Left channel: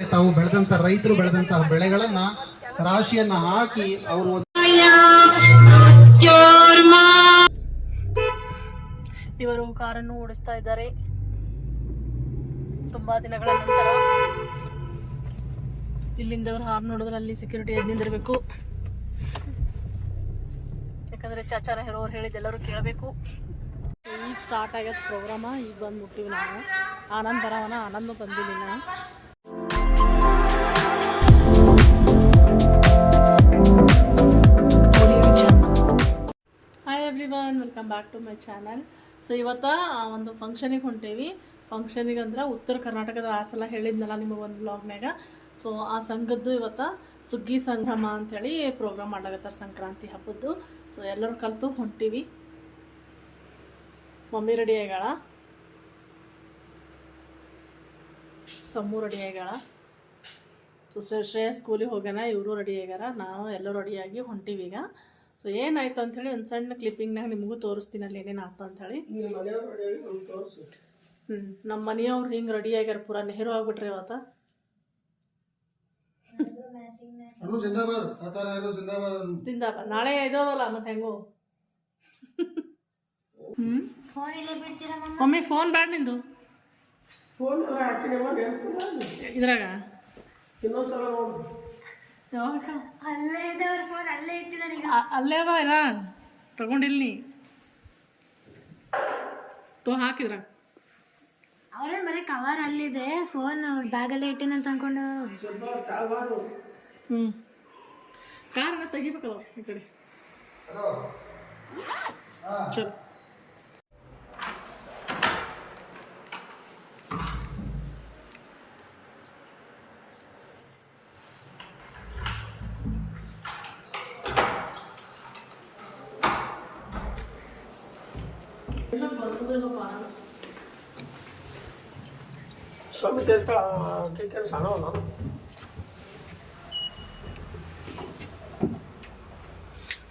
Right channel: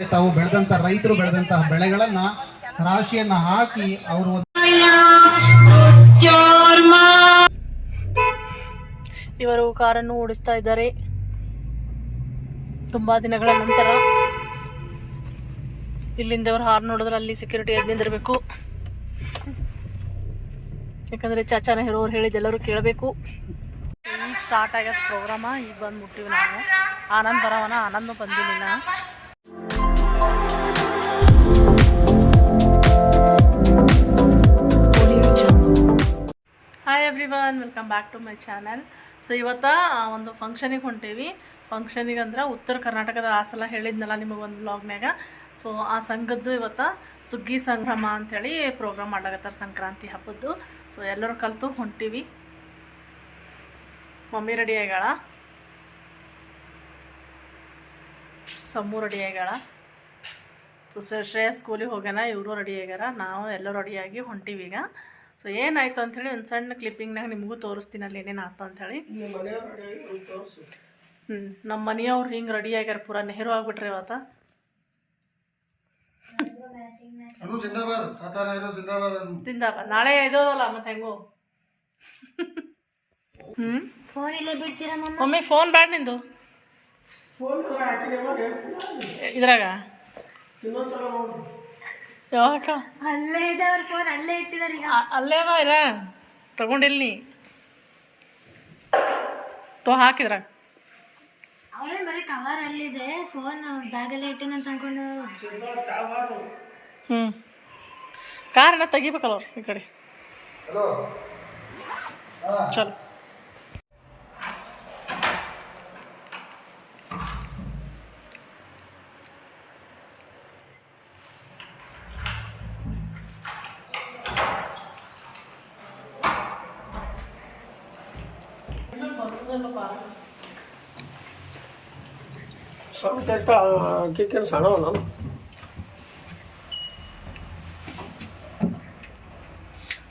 ತಾವು ಬೆಳೆದಂತ ರೈತರು ಬೆಳೆದಂತಹ ಬೆಳೆಗಳನ್ನ, ರಾಶಿಯನ್ನ ಹಾಕಿ ಅವರು ಇವರು ಕಾರನ್ನು ಓಡಿಸ್ತಾ ಇದ್ದಾರೆ. ತುಂಬಾ ದಿನಗಳ ನಂತರ ಇಲ್ಲಿಂದ ಅವರು ಹಾರ್ ನೋಡಿದ್ರೆ ಅಲ್ಲಿ ಸೆಕ್ಯೂರಿಟಿ ಎದ್ದು ನಿಂದಿರಬೇಕು. ಯಾಕಂದ್ರೆ ಚಾಚಾನ ನೆಹರು ಅವ್ರು ಹೇಳಿದ ಎಲ್ಲರೂ ಕೇಳಬೇಕು. ಈಗ ಸ್ಟಾರ್ಟ್ ಆಗ್ಯದ ಪ್ರೋಗ್ರಾಮ ಈಗ ಬಂದ್ಬಿಟ್ಟಿವಿ ನಾವು. ಆನಂದ್ ಬರವನ ಆನಂದ್ ಬಂದಿಲ್ಲ. Everyone welcome back to my channel so ಇವತ್ತು ಒಂದು ಫಂಕ್ಷನಿಗೆ ಹೊಂಟೇವಿ. ಫಂಕ್ಷನಿಗೆ ಅಂದ್ರೆ ಉತ್ತರ ಕರ್ನಾಟಕದ ಆ ಸಲ ಹೇಳಿದ್ನಲ್ಲ ನಿಮಗೆ ಒಂದು ಬ್ಲಾಗ್ನಾಗ ಸೊ ಆ ಸಂಘದ್ದು ಇವತ್ತು ಸುಗ್ಗಿ ಸಂಭ್ರಮ ಅಂಥೇಳಿ ಪ್ರೋಗ್ರಾಮ್ ಮಾಡ್ಲಾಗತ್ತಾರ ಸಂಕ್ರಾಂತಿ ಹಬ್ಬದ್ದು. ಸೊ ಎಲ್ಲರೂ ಕಲಿತು ಹೊಂಟೀವಿ. ಮಮ್ಮಿ ರೆಡಿ ಆಗ್ಯಾಳ? ಸಮ್ಮು ರೆಡಿ ಆಗ್ಯಾಳ? ಸೊ ಶ್ರೇಯಸ್ ಸ್ಕೂಲಿಗೆ ಹೋಗ್ಯಾನ, ಇವರು ರೆಡಿ ಆಗ್ಯಾರ, ನಾವು ಎಲ್ಲರೂ ರೆಡಿಯಾಗಿ ಹೊಂಟೀವಿ ಈಗ. ಸೊ ಏನಾಯ್ತು ಅಂಥೇಳಿ ಒಂದು ಸಣ್ಣ ಕ್ಲಿಪ್ಪಿಂಗ್ನಾಗ ನಿಮಗೂ ತೋರಿಸ್ತೀನಿ ಅಲ್ಲಿ ಏನೇನು ಆಯ್ತು ಅಂಥೇಳಿ ಹ್ಞೂ ನಮ್ಮ ಮನೆಯವ್ರು ಹಿಂಗೆ ರೆಡಿ ಆಗ್ಯಾರ ಪೂರ ನೆಹರು ಆಗ್ಬಿಟ್ರಿ ಇವತ್ತ. ಅನು ಜಿಂದಾಬಾದ್ ತಾತ ನೆಹರು ಜಿಂದಾಬಾದ್ ಅನು. ತಿಂದಪ್ಪ ನಾಳೆ ಇದಲ್ಲ ಮತ್ತೆ ಹೆಂಗೋ. ಹ್ಞೂ ಮಮ್ಮಿ? ಫೋನ್ ಬ್ಯಾಡ ನಿಂದು? ಇದ್ರಾಗ? ಯಾವಾಗ? ಅಲ್ಲೇ ಇದ್ದವ್ರ ಫೋನ್ ಅಲ್ಲೇ ಇಟ್ಟಿದಾರೆ ಈಗ. ಅಲ್ಲೇ ಬಾ ಇಲ್ಲ ತಗೊಂಡಿಲ್ಲ ನೀ. ತೋ ಹಾಕಿದ್ರ? ಅವ್ರೇನ್ ಬರೀ ಕವರ್ ಅಲ್ಲಿದೆ. ಫೋನ್ ಬ್ಯಾಗಲ್ಲೇ ಇಟ್ಟಿನ ಅಂತ ಅನ್ಕೊಂಡು. ಹ್ಞೂ ಕಾರಣ ತೆಗಿಬೇಕಲ್ಲ ಅವ್ರು ಈ ಕಡೆ. ಚಲೋ. ಸಮತಟ್ಟ ಕಿಕ್ಕನ್ ಸಣ್ಣ ನಾನು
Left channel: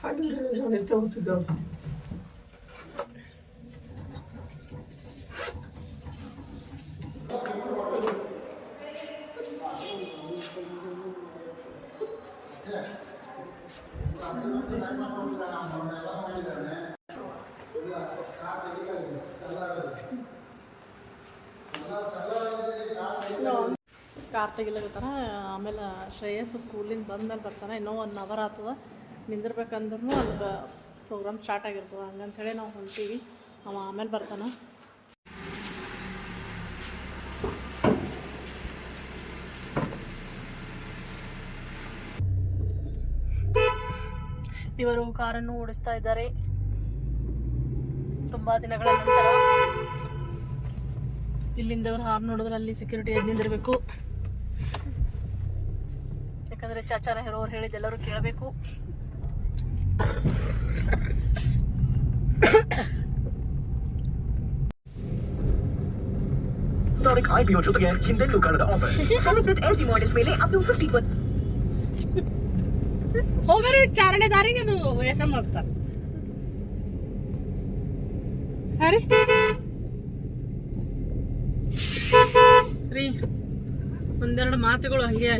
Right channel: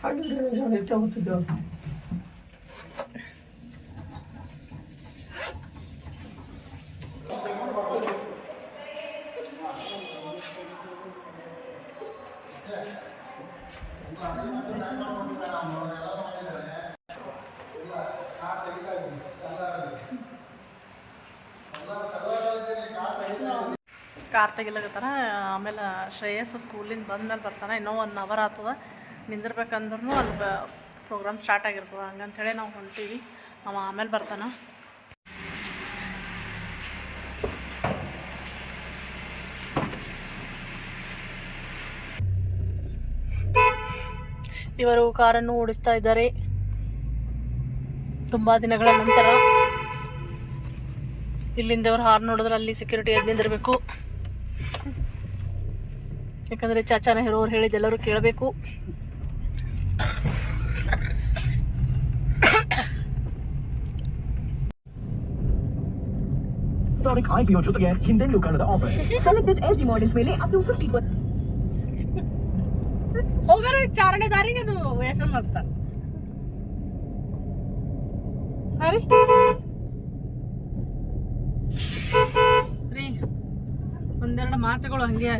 ಹಾಗೆ ನಿಮಿಷ ಹೋಗ್ತಿದ್ದೆವು ಕಾರ್ ತೆಗಿಲಕತ್ತಾರ ಆಮೇಲೆ ಶ್ರೇಯಸ್ ಸ್ಕೂಲಿಂದ ಬಂದ್ಮೇಲೆ ಬರ್ತಾನೆ. ಇನ್ನೂ ಒನ್ ಅವರ್ ಆಗ್ತದ. ನಿಂದಿರ್ಬೇಕಂದ್ರೂ ಅಲ್ಲಿ ಪ್ರೋಗ್ರಾಮ್ ಸ್ಟಾರ್ಟ್ ಆಗಿರ್ತದೆ. ಹಂಗಂಥೇಳಿ ನಾವು ಹೊಂಟೀವಿ. ಅವ ಆಮೇಲೆ ಬರ್ತಾನ. ಇವರು ಕಾರನ್ನು ಓಡಿಸ್ತಾ ಇದ್ದಾರೆ. ತುಂಬ ದಿನಗಳ ನಂತರ ಇಲ್ಲಿಂದ ಇವ್ರು ಹಾರ್ ನೋಡಿದ್ರೆ ಅಲ್ಲಿ ಸೆಕ್ಯೂರಿಟಿ ಎದ್ದು ನಿಂದಿರಬೇಕು. ಯಾಕಂದ್ರೆ ಚಾಚಾ ನೆಹರು ಅವ್ರು ಹೇಳಿದ ಎಲ್ಲರೂ ಕೇಳಬೇಕು. ಸ್ಟಾರಿಕ್ ಐಪಿಒ ಜೊತೆಗೆ ಹಿಂದೆಂದೂ ಕಾಣದ offer connected L G models ಮೇಲೆ ಅಪ್ ಟು ಫಿಫ್ಟಿ ಹೋಗೋರು ಚಾರಣೆ ದಾರಿಗೆ ಅದು ಎಫ್ ಎಂ ಹಸ್ತ ಹರಿ? ಒಂದೆರಡು ಮಾತುಗಳು ಹಂಗೆ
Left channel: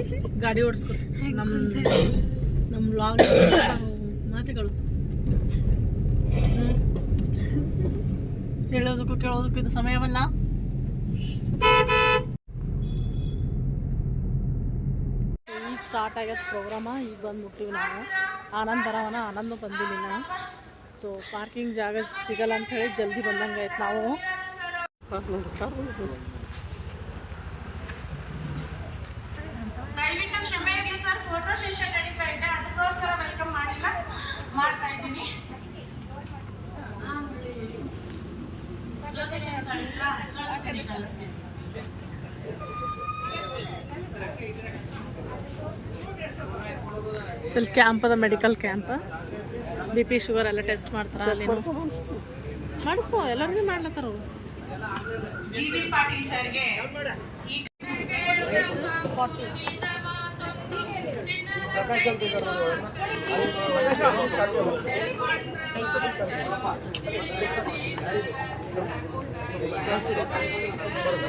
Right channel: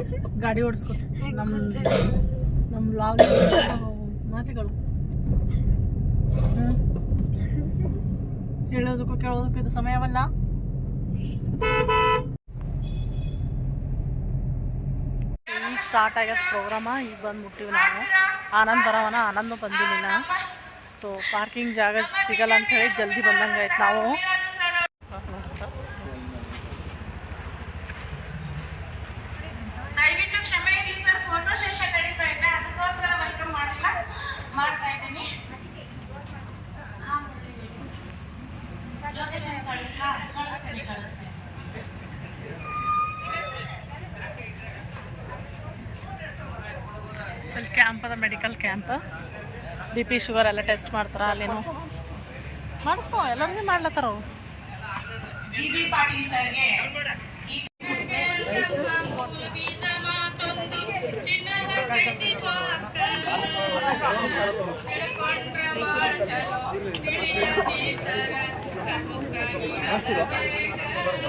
ಗಾಡಿ ಓಡಿಸ್ಕೊತೀವಿ ನಮ್ಮ ನಮ್ಮ ಲಾಗ್ ಮಾತುಗಳು. ಹೇಳೋದಕ್ಕೂ ಕೇಳೋದಕ್ಕೂ ಇದು ಸಮಯವಲ್ಲ. ಈಗ ಸ್ಟಾರ್ಟ್ ಆಗ್ಯದ ಪ್ರೋಗ್ರಾಮ ಈಗ ಬಂದು ಮುಟ್ಟಿವಿ ನಾವು. ಆನಂದ್ ಬರವನ ಆನಂದ್ ಬಂದಿಲ್ಲ ಸೊ ಪಾರ್ಕಿಂಗ್ ಜಾಗ ಸಿಗಲ್ಲ ಅಂತ ಹೇಳಿ ಜಲ್ದಿ ಬಂದಂಗೆ ಆಯ್ತು ನಾವು ದಯವಿಟ್ಟು ಕ್ಷಮೆ ಇರಲಿ ಸರ್ ಫೋಟೋ ಸೆಷನ್ ನಡೀತಾ ಇದೆ ಅದಕ್ಕೋಸ್ಕರ ವೆಲ್ಕಮ್ ಮಾಡಿಲ್ಲ ಮಾಡ್ತಾ ಇದ್ದೀನಿ ಲೊಕೇಶನ್ ಕಳಿಸ್ಲಾ ಕಳಿಸ್ತೀನಿ ಕಳಿಸ್ತೀನಿ ಸೊ ಇಲ್ಲಿ ಕ್ಯಾಂಪ್ ಅದ medical camp B P sugar ಎಲ್ಲ ಟೆಸ್ಟ್ ಮಾಡ್ತಾರ ಅಲ್ಲೇನು. ಮಾಡಿಸ್ಕೋ ಎಲ್ಲರಿಗೂ ಮಾಡ್ಲತ್ತಾರ ಅವ್ರು. ಜಿ ಬಿ ಪಾಟೀಲ್ ಸರ್ಗೆ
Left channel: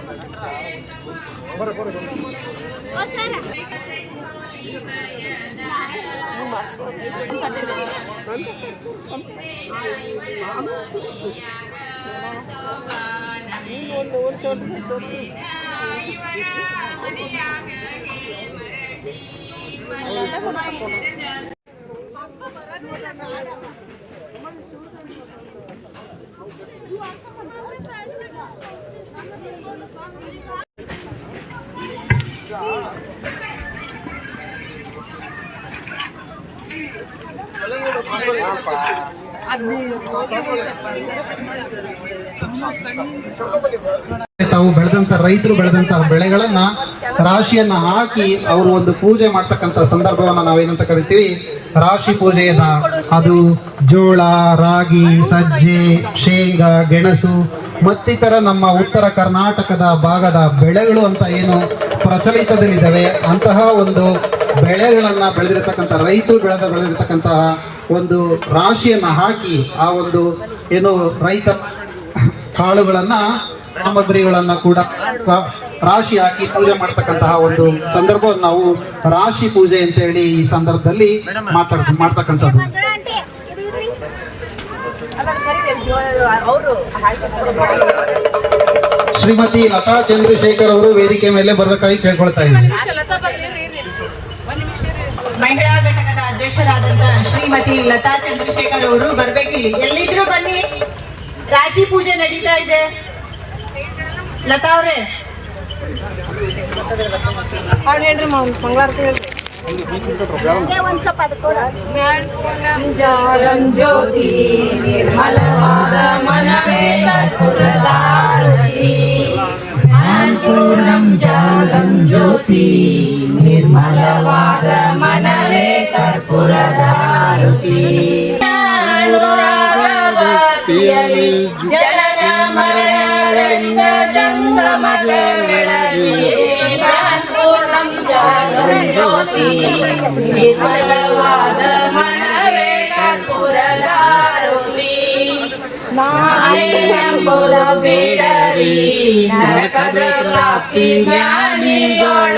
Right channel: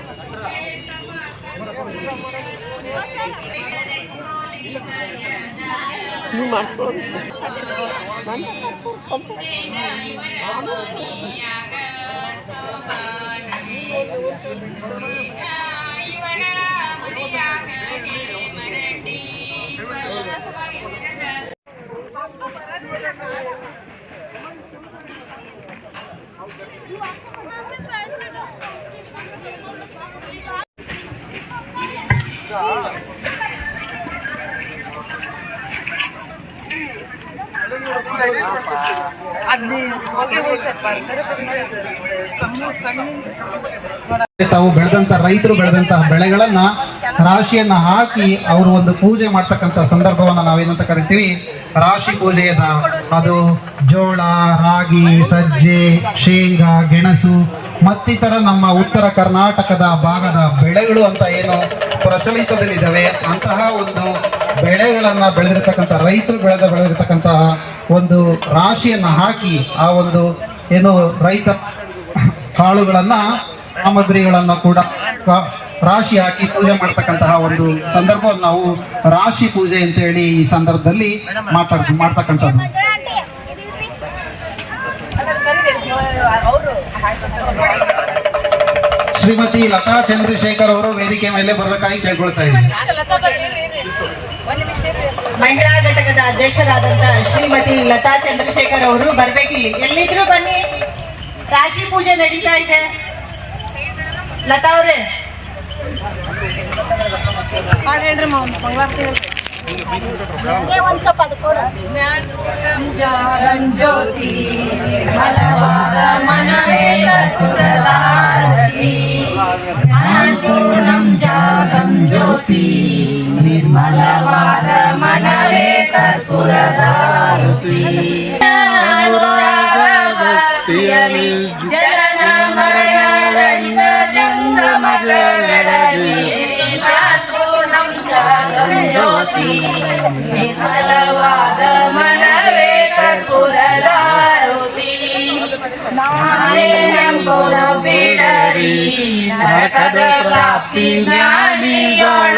ಈ ತಾವು ಬೆಳೆದಂತ ರೈತರು ಬೆಳೆದಂತ ಬೆಳೆಗಳನ್ನ ರಾಶಿಯನ್ನ ಹಾಕಿ ಅವರು ಒಂದು ಪೂಜೆ ಮಾಡ್ತಕ್ಕಂಥ ಸಂದರ್ಭವನ್ನ ನಾವೇನಂತ ಕರಿತೀವಿ? ರಾಶಿ ಪೂಜೆ ಅದು ಜೋಳ, ರಾಗಿ, ಸಜ್ಜೆ, ಶೇಂಗಾ, ಗೆಣಸು, ಮತ್ತಿತರ ನಮ್ಮ ಉತ್ತರ ಕರ್ನಾಟಕದ ಭಾಗದ ಬೆಳೆಗಳು ಅಂತ ಏನು ಪ್ರಚಲಿತದಲ್ಲಿದ್ದಾವೆ, ಅಂತಹ ಒಂದು ಬೆಳೆಗಳನ್ನ ಬೆಳೆದಿರ್ತಕ್ಕಂಥ, ರೈತರು ಬೆಳೆದ ಬೆಳೆದಿರ್ತಕ್ಕಂತಹ ಒಂದು ರಾಶಿಯನ್ನು ಹಾಕಿ ಆ ಒಂದು ಏನು ರೈತ ಕಾಳುಗಳನ್ನ ಸಾಮಗ್ರಿಗಳನ್ನ ಕೂಡ ರಾಶಿ ಹಾಕಿ ಪೂಜೆ ಮಾಡ್ತಕ್ಕಂತಹ ಒಂದು ಸಂದರ್ಭವನ್ನು ನಾವು ರಾಶಿ ಪೂಜೆ ಅಂತ ಹೇಳಿ ಈ ಸಂದರ್ಭದಲ್ಲಿ ಮಾತಾಡ್, ಮಾಡ್ತಕ್ಕಂಥದ್ದು. ಶ್ರೀಮತಿ ಲತಾ ಚಂದ್ರಶೇಖರ್ ಅವರು ವೇದಿಕೆ ಮೇಲೆ ಬರಬೇಕಾಗಿ ಕೇಳ್ಕೊಳ್ತಾ ಇದ್ದಾರೆ ಮಹಿಳಾ ಘಟಕದ ಅಧ್ಯಕ್ಷರಾದಂತಹ ಶ್ರೀಮತಿ ಲತಾ ಚಂದ್ರಶೇಖರ್ ಅವರು ಬರ್ಬೇಕಿಲ್ಲಿ. ಎಲ್ಲಿದ್ರು ಬನ್ನಿ. ರಾಶಿ ಪೂಜೆ ನಡೀತಾ ಇದೆ. ಲತಾ ಅವರೇ ಜ್ಯೋತಿ ನಿರ್ಮಲವಾದ ಮನವೇ ಕರ್ಪೂರದಾರತಿ. ಪೂರ್ಣಂ ಜಾಗಂ ಜ್ಯೋತಿ ನಿರ್ಮಲವಾದ ಮನವೇ ಕರ್ಪೂರದಾರುತಿ ಜನನ ಜಂಗಮಗಳಗಿ ಪೂರ್ಣಂ ಜಾಗಂ ಜ್ಯೋತಿ ನಿರ್ಮಲವಾದ ಮನವೇ ಕರ್ಪೂರದಾರುತಿ ಮಾಯೆಂಬುದು ಬಿಡರಿ ನರಕದ ಪ್ರಾಪ್ತಿ ಜ್ಞಾನಿಗಳೊಡಗಿರಿ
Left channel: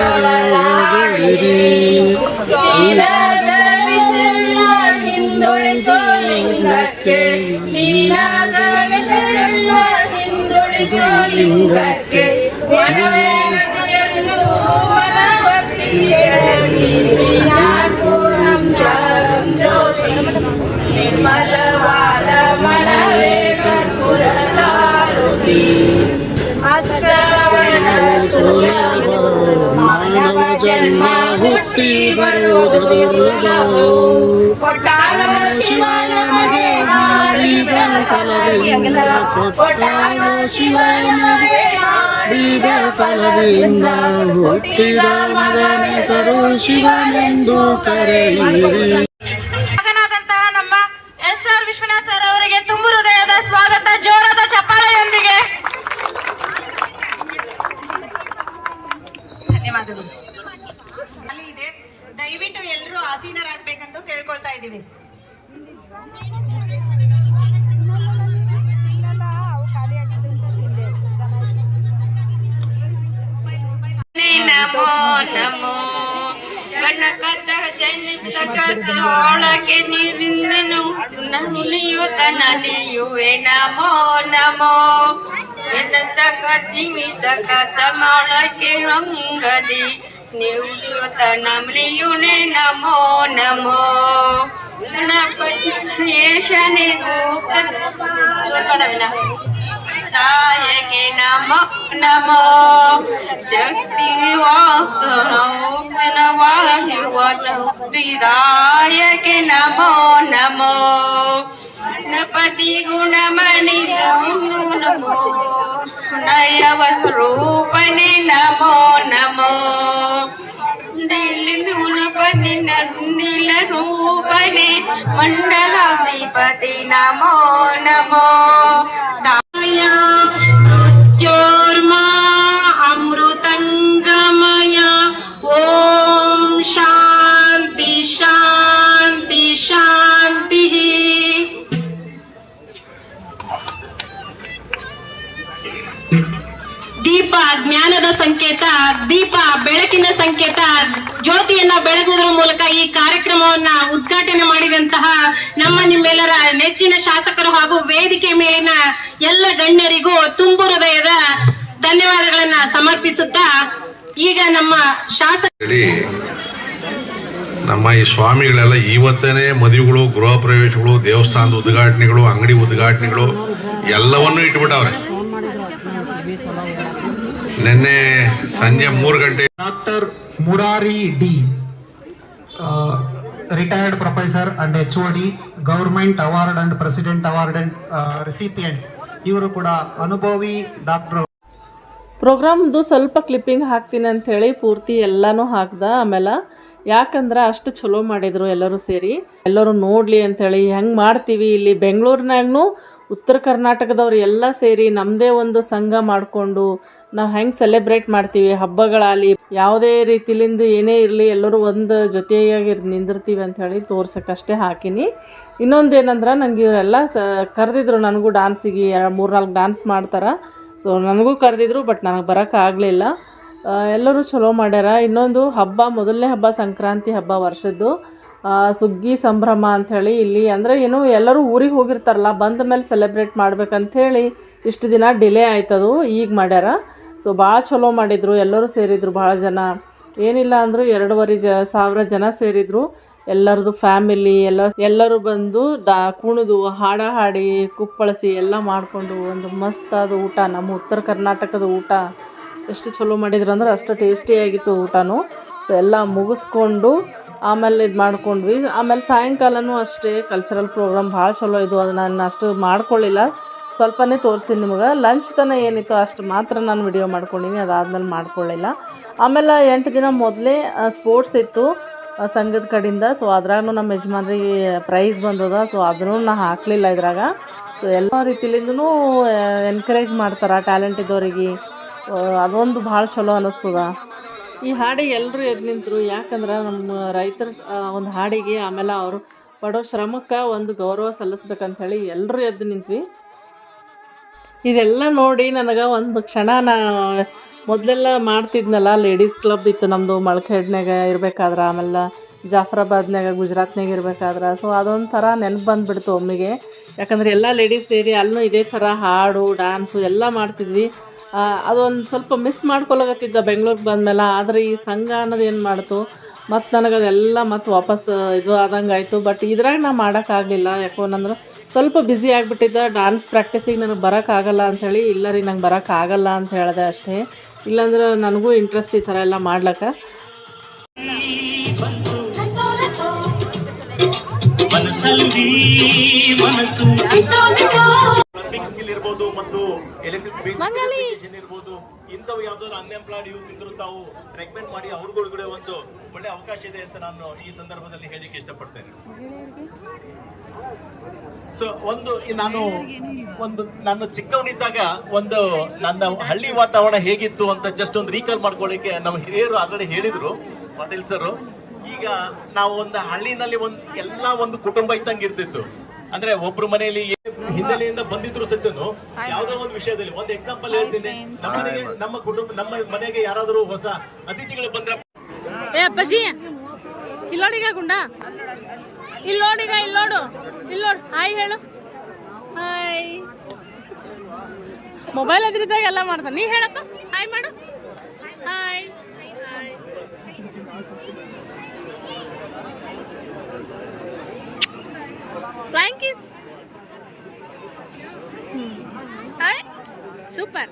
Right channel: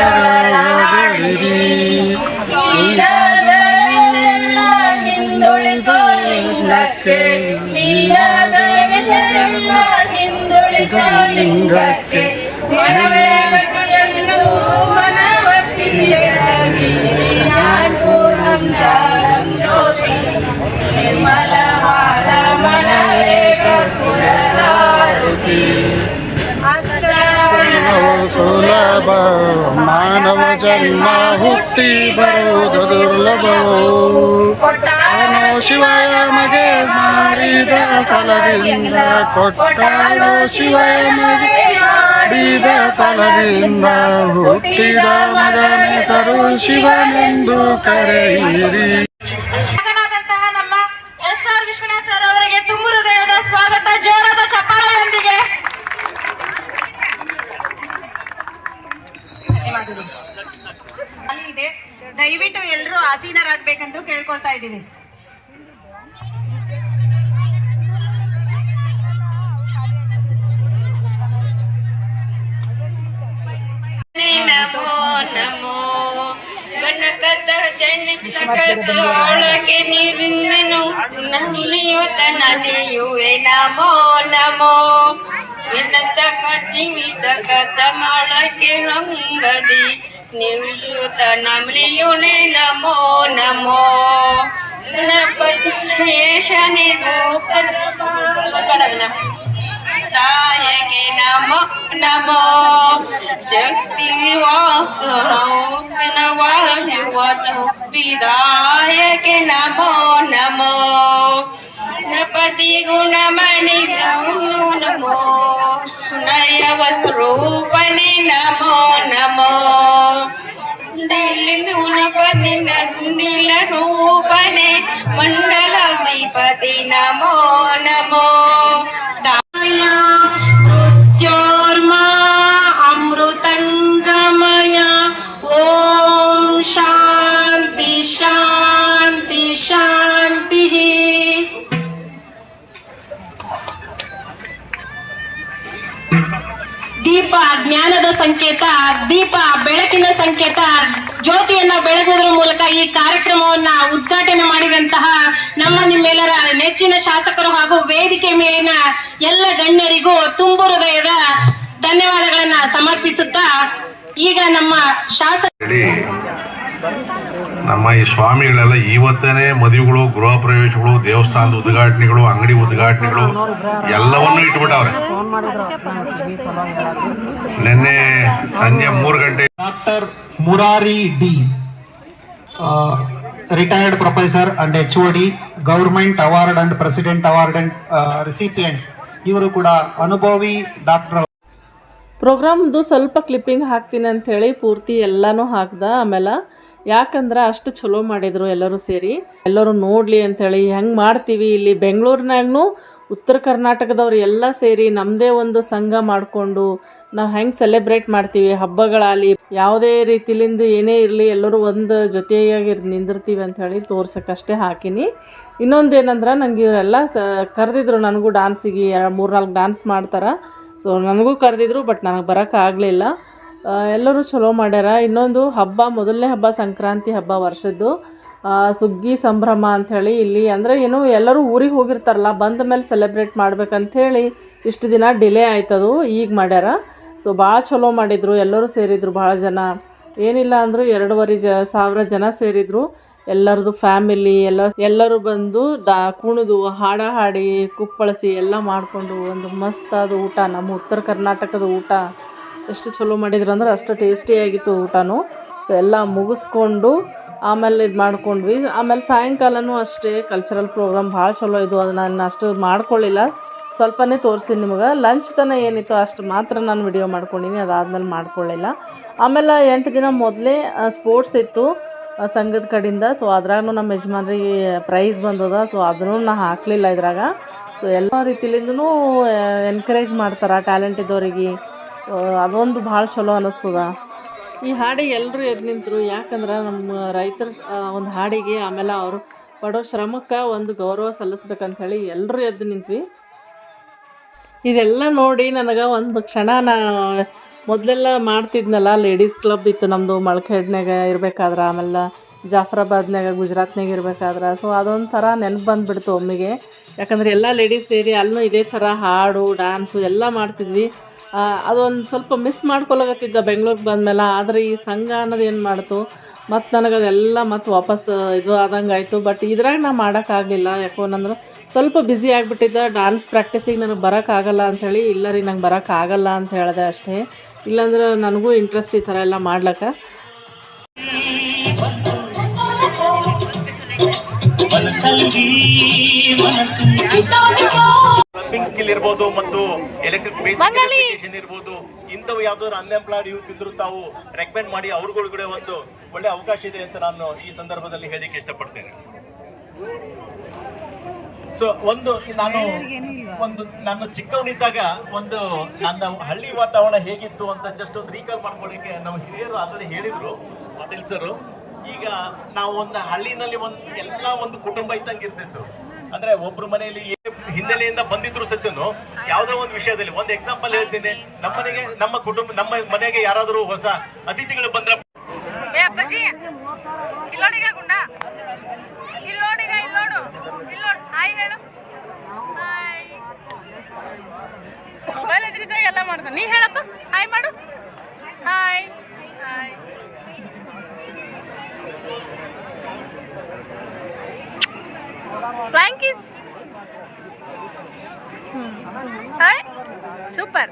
ಹಿಂದುಳಿಸಲಿಂಗಕ್ಕೆ ಹಿಂದುಳಿಸಲಿಂಗಕ್ಕೆ ಪೂರ್ಣಂ ಜಾಗಂ ಜ್ಯೋತಿ ನಿರ್ಮಲವಾದ ಮನವೇ ಕರ್ಪೂರದಾರುತಿ ಸುಲಭ ಮಾನವ ಜನ್ಮ ಹುಟ್ಟಿ ಬರುವುದು ದುರ್ಲಭ ಶಿವಯ ಮಗೆ ಮಾಡಿದ ಫಲದಿಂದ ಕೊಟ್ಟಾರೋ ಶಿವಯ ಮಗೆ ಮಾಡಿದ ಫಲದಿಂದ ಹುಟ್ಟಿದ ಮಗನೆಸರು ಶಿವನೆಂದು ಕರೆಯಿರಿ. ಎಸ್ ಆರ್ ವಿಶ್ವನಾಥ್ ತುಂಬು ಜೋರಾದ ಚಪ್ಪಾಳೆಯೊಂದಿಗೆ. ದಯವಿಟ್ಟು ಎಲ್ಲರೂ ಆಸೀನರಾಗಬೇಕೆಂದು ಕೇಳ್ಕೊಳ್ತಾ ಇದ್ದೀವಿ. ನಮೋ ನಮೋ ಬಣ್ಣಕದ ಜನಿತೊಳಗೆ ನೀರಿಂದನು ಸುನಲಿಯುವೆ ನಮೋ ನಮೋ ವಿನತ ಕಜಿಮಿತ ಕಥಮೊಳಗೆ ರಂಗಲಿ ನಿವ್ಯುತ ನಮ್ಲಿಯುನೆ ನಮೋ ನಮೋ ಗಣಪತಿ ಶೇಷನೆ ಕಡವಿನ నాయకి నమో నమో. శక్తి వాయువదాయకి నమో నమో. గణపతి గుణమణి గౌను నమో. నయవస్రూపణి నమో నమో. ൂപനെ മണ്ഡലാധിപതി നമോ നമോ ಮಂಡಲಾಧಿಪತಿ ನಮೋ ನಮೋ ಮೃತ್ಯೋರ್ಮಾ ಅಮೃತಂಗಮಯ ಓಂ ಶಾಂತಿ ಶಾಂತಿ ಶಾಂತಿ ದೀಪ ಜ್ಞಾನದ ಸಂಕೇತ ದೀಪ ಬೆಳಕಿನ ಸಂಕೇತ ಜ್ಯೋತಿಯನ್ನ ಬೆಳಗುವುದರ ಮೂಲಕ ಈ ಕಾರ್ಯಕ್ರಮವನ್ನ ಉದ್ಘಾಟನೆ ಮಾಡಿದಂತಹ ನಮ್ಮ ನಿಮ್ಮೆಲ್ಲರ ನೆಚ್ಚಿನ ಶಾಸಕರು ಹಾಗೂ ವೇದಿಕೆ ಮೇಲಿನ ಎಲ್ಲ ಗಣ್ಯರಿಗೂ ತುಂಬು ಹೃದಯದ ಧನ್ಯವಾದಗಳನ್ನ ಸಮರ್ಪಿಸುತ್ತಾ ಈಗ ನಮ್ಮ ಶಾಸಕ ನಮ್ಮ ಈ ಸ್ವಾಮಿಗಳೆಲ್ಲ ಇವತ್ತನೇ ಮದುವೆಗಳು ಗೃಹ ಪ್ರವೇಶಗಳು ದೇವಸ್ಥಾನದ ಉದ್ಘಾಟನೆಗಳು ಅಂಗಡಿ ಉದ್ಘಾಟನೆಗಳು ಎಲ್ಲವನ್ನೂ ಇಟ್ಬಿಟ್ಟವ್ರೆ. ನಿನ್ನೆ ಸಂಜೆ ಮೂರು ಗಂಟೆ doctor Murari D retired professor and H O D government award and president award and recipient ಇವರು ಕೂಡ ಅನುಭವಿ ಡಾಕ್ಟರ್ ಪ್ರೋಗ್ರಾಮ್ದು ಸ್ವಲ್ಪ ಕ್ಲಿಪ್ಪಿಂಗ್ ಹಾಕ್ತೀನಿ ಅಂಥೇಳಿ ಪೂರ್ತಿ ಎಲ್ಲನೂ ಹಾಕ್ದೆ, ಆಮೇಲೆ ಯಾಕಂದ್ರೆ ಅಷ್ಟು ಚಲೋ ಮಾಡಿದರು ಎಲ್ಲರೂ ಸೇರಿ. ಎಲ್ಲರೂ ನೋಡಲಿ ಅಂಥೇಳಿ ಹೆಂಗೆ ಮಾಡ್ತೀವಿ ಇಲ್ಲಿ ಬೆಂಗಳೂರಿನಾಗೂ ಉತ್ತರ ಕರ್ನಾಟಕದವ್ರು ಎಲ್ಲ ಸೇರಿ ನಮ್ಮದೇ ಒಂದು ಸಂಘ ಮಾಡಿಕೊಂಡು ನಾವು ಹೆಂಗೆ ಸೆಲೆಬ್ರೇಟ್ ಮಾಡ್ತೀವಿ ಹಬ್ಬಗಳಾಗಲಿ, ಯಾವುದೇ ರೀತಿಲಿಂದ ಏನೇ ಇರಲಿ ಎಲ್ಲರೂ ಒಂದು ಜೊತೆಯಾಗಿ ನಿಂದಿರ್ತೀವಿ ಅಂಥೇಳಿ ತೋರ್ಸೋಕ್ಕಷ್ಟೇ ಹಾಕಿನಿ. ಇನ್ನೊಂದೇನಂದ್ರೆ ನನಗೆ ಇವರೆಲ್ಲ ಸ ಕರೆದಿದ್ರು ನನಗೂ ಡಾನ್ಸಿಗೆ ಮೂರು ನಾಲ್ಕು ಡಾನ್ಸ್ ಮಾಡ್ತಾರೆ. ಸೊ ನನಗೂ ಕರೆದಿದ್ರು ಬಟ್ ನನಗೆ ಬರೋಕ್ಕಾಗಲಿಲ್ಲ ಎಲ್ಲರೂ ಚಲೋ ಮಾಡ್ಯಾರ. ಇನ್ನೊಂದು ಹಬ್ಬ, ಮೊದಲನೇ ಹಬ್ಬ ಸಂಕ್ರಾಂತಿ ಹಬ್ಬ ವರ್ಷದ್ದು. ಸುಗ್ಗಿ ಸಂಭ್ರಮ ಅಂಥೇಳಿ ಇಲ್ಲಿ ಅಂದರೆ ಏನು ಎಲ್ಲರೂ ಊರಿಗೆ ಹೋಗಿರ್ತಾರಲ್ಲ, ಬಂದ ಮೇಲೆ ಸೆಲೆಬ್ರೇಟ್ ಮಾಡ್ಬೇಕಂಥೇಳಿ ಇಷ್ಟು ದಿನ ಡಿಲೇ ಆಯ್ತದು, ಈಗ ಮಾಡ್ಯಾರ. ಸೊ ಭಾಳ ಚಲೋ ಮಾಡಿದರು, ಎಲ್ಲರೂ ಸೇರಿದ್ರು, ಭಾಳ ಜನ. ಏನಿಲ್ಲ ಅಂದರೂ ಎರಡೂವರೆ ಜ, ಸಾವಿರ ಜನ ಸೇರಿದ್ರು. ಎಲ್ಲರದು ಫ್ಯಾಮಿಲಿ ಎಲ್ಲ, ಎಲ್ಲರೂ ಬಂದು ಡಾ ಕುಣಿದು, ಹಾಡ ಹಾಡಿ, ಕುಪ್ಪಳಿಸಿ ಎಲ್ಲ ಮಾಡಿಕೊಂಡು ಒಂದು ಮಸ್ತಾದ ಊಟ, ನಮ್ಮ ಉತ್ತರ ಕರ್ನಾಟಕದ ಊಟ. ಎಷ್ಟು ಚಲೋ ಮಾಡಿದ್ರು ಅಂದ್ರೆ ಅಷ್ಟು ಟೇಸ್ಟಿಯಾಗಿತ್ತು ಊಟನೂ. ಸೊ ಎಲ್ಲ ಮುಗಿಸ್ಕೊಂಡು ಆಮೇಲೆ ಇದು ಮಾಡ್ಕೊಂಡ್ವಿ. ಆಮೇಲೆ ಸಾಯಂಕಾಲನೂ ಅಷ್ಟೇ ಕಲ್ಚರಲ್ ಪ್ರೋಗ್ರಾಮ್ ಭಾಳ ಚಲೋ ಇದು. ಅದು ನಾನು ಅಷ್ಟು ಮಾಡ್ಕೊಳ್ಳಿಲ್ಲ. ಸ್ವಲ್ಪನೇ ತೋರಿಸಿನಿ ನಿಮಗೆ. ಲಂಚ್ ತನ ಏನಿತ್ತು ಅಷ್ಟು ಮಾತ್ರ ನಾನು ವಿಡಿಯೋ ಮಾಡ್ಕೊಂಡಿನಿ. ಅದಾದ್ಮೇಲೆ ಮಾಡ್ಕೊಳ್ಳಿಲ್ಲ. ಆಮೇಲೆ ಎಂಟು ದಿನ ಮೊದಲೇ ಸ್ಪೋರ್ಟ್ಸ್ ಇತ್ತು ಸಂಘದ ಕಡೆಯಿಂದ ಸೊ ಅದ್ರಾಗೂ ನಮ್ಮ ಯಜಮಾನ್ರಿಗೆ ಪ್ರೈಸ್ ಬಂದದ. ಸೊ ಅದನ್ನು ನಾನು ಹಾಕಲಿಲ್ಲ ಇದ್ರಾಗ. ಸೊ ಎಲ್ಲ ರೀತಿಲಿಂದನೂ ಎನ್ಕರೇಜ್ ಮಾಡ್ತಾರೆ ಟ್ಯಾಲೆಂಟ್ ಇದ್ದವ್ರಿಗೆ ಅದೊಂದು ಭಾಳ ಚಲೋ ಅನ್ನಿಸ್ತದ ಈ ಹಾಡಿಗೆ ಎಲ್ಲರೂ ಎದ್ದು ನಿಂತರು, ಯಾಕಂದ್ರೆ ನಮ್ಮ ರೈತರ ಒಂದು ಹಾಡಿಗೆ ಆಮೇಲೆ ಅವರು ಪಡೋ ಶ್ರಮಕ್ಕೆ ಒಂದು ಗೌರವ ಸಲ್ಲಿಸ್ಬೇಕಂಥೇಳಿ ಎಲ್ಲರೂ ಎದ್ದು ನಿಂತ್ವಿ. ಇದೆಲ್ಲ ನೋಡಿ ನನಗೆ ಒಂದು ಕ್ಷಣ ನಾ ಮೊದಲೆಲ್ಲ ಮಾಡ್ತಿದ್ನಲ್ಲ, ಲೇಡೀಸ್ ಕ್ಲಬ್ ಇತ್ತು ನಮ್ಮದು ಮಳಖೇಡ್ನಾಗ ಇರಬೇಕಾದ್ರೆ, ಆಮೇಲೆ ಜಾಫರಾಬಾದ್ನಾಗ ಗುಜರಾತ್ನಾಗ ಇರಬೇಕಾದ್ರೆ. ಸೊ ಅದೊಂಥರ ನೆನಪು ಬಂದುಬಿಡ್ತು ಒಮ್ಮೆಗೆ. ಯಾಕಂದ್ರೆ ಎಲ್ಲ ಲೇಡೀಸ್ ಸೇರಿ ಅಲ್ಲೂ ಇದೇ ಥರ ಹಾಡು ಡ್ಯಾನ್ಸು ಎಲ್ಲ ಮಾಡ್ತಿದ್ವಿ. ಅದೊಂದು ಸ್ವಲ್ಪ ಮಿಸ್ ಮಾಡ್ಕೊಳಕತ್ತಿದ್ದ ಬೆಂಗ್ಳೂರಿಗೆ ಬಂದಮೇಲೆ. ಆದರೆ ಈ ಸಂಘ ಅನ್ನೋದು ಏನು ಮಾಡ್ತು? ಮತ್ತು ನನಗೆ ಅದೆಲ್ಲ ಮತ್ತು ವಾಪಸ್ ಇದು ಆದಂಗೆ ಆಯಿತು. ಬಟ್ ಇದ್ರಾಗ ನಾ ಮಾಡೋಕ್ಕಾಗಲಿಲ್ಲ ಯಾಕೋ ನಂದ್ರೆ ಸ್ವಲ್ಪ ಬ್ಯುಸಿ ಆಗಿಬಿಟ್ಟಿದ್ದ. ಡ್ಯಾನ್ಸ್ ಪ್ರಾಕ್ಟೀಸಿಗೆ ನನಗೆ ಬರೋಕ್ಕಾಗಲ್ಲ ಅಂಥೇಳಿ ಇಲ್ಲ ರೀ ನಂಗೆ ಬರೋಕ್ಕಾಗಲ್ಲ ಅಂತ ಹೇಳಿದೆ ಅಷ್ಟೇ. ಇಲ್ಲಾಂದ್ರೆ ನನಗೂ ಇಂಟ್ರೆಸ್ಟ್ ಈ ಥರ ಎಲ್ಲ ಮಾಡ್ಲಿಕ್ಕೆ. ಸ್ಕಿಲ್ ಇರ್ಬೋದು. ಇಂಥವು ಯಾವ್ದಾದ್ರು ಅನ್ಎಂಪ್ಲಾಯ್ಡ್ ಯೂತ್ ಇದ್ರು ತಾವು ರೆಕಮೆಂಡ್ ಮಾಡಿ ಅವ್ರಗಳಿಗೆ ಒಂದು ಒಳ್ಳೆ ಅವಕಾಶ ಇದೆ ಅಂತ ನಾನು ಈ ಸಂದರ್ಭದಲ್ಲಿ ಹೇಳಲಿಕ್ಕೆ ಇಷ್ಟಪಡ್ತೇನೆ. ಸೊ ಒಂದು ನಾನು ಒಂದು ನಾನು ಚಿಕ್ಕವನಿದ್ದಾಗ ಒಂದು ನನ್ನ ಹಳ್ಳಿ ವಾತಾವರಣ ಹೇಗಿತ್ತು ಅಂತ ಜಸ್ಟ್ ಒಂದು ರೀಕಾಲ್ ಮಾಡ್ಕೊಳ್ಳಿಕ್ಕೆ ನಮ್ಮ ಹಿರಿಯರು ಆಲ್ರೆಡಿ ಹೇಳಿದ್ರು ಪಾಟೀಲ್ ಸರ್ ಈಗ ನಾವು ಒಂದು ಹಳ್ಳಿನಲ್ಲಿ ಒಂದು ಎಲ್ಲ ಒಂದು ಕುಟುಂಬ ಇದ್ದಂಗೆ ಇರ್ತಿತ್ತು. ಅಂದ್ರೆ ಒಬ್ರು ಮನೆಯಲ್ಲಿ ಹಿನ್ನೆಲೆಯಿಂದ ಬಂದಿದ್ರು ಸತ್ಯನು. ಯಾವ್ದೋ ಒಂದು ವಿಷಯದಲ್ಲಿ. ಒಂದು ಎಕ್ಸಾಂಪಲ್ ಹೇಳ್ತೀನಿ. ನಮ್ಮ ಮನೆಗೆ ನಮ್ಮ ಕುಟುಂಬ, ನಮ್ಮ ಮನೆಗೆ ಯಾರಾದರೂ ಹೊಸ ಅತಿಥಿಗಳು ಬಂದ್ರೆ ಏ ಅಪ್ಪಾಜಿ, ಇಲ್ಲೋಡಿಗ ಗುಂಡ? ಇಲ್ಲಿ ನೋಡಿಗ ಇಲ್ಲಿ ನೋಡು ಇಲ್ಲಿ ನೋಡು ಹಾಯ್ ಹೇಳು. ಹಾಯ್. ಮೊಬೈಲ್ ಎದುರಿದ್ದಾಗ ಎಲ್ಲ ಮಾಡ್ತಾನೆ. ನೀ ಹೇಳಪ್ಪ. ಹಾಯ್ ಮಾಡು. Hi. Hi. Flying ¿Sabes? Súper.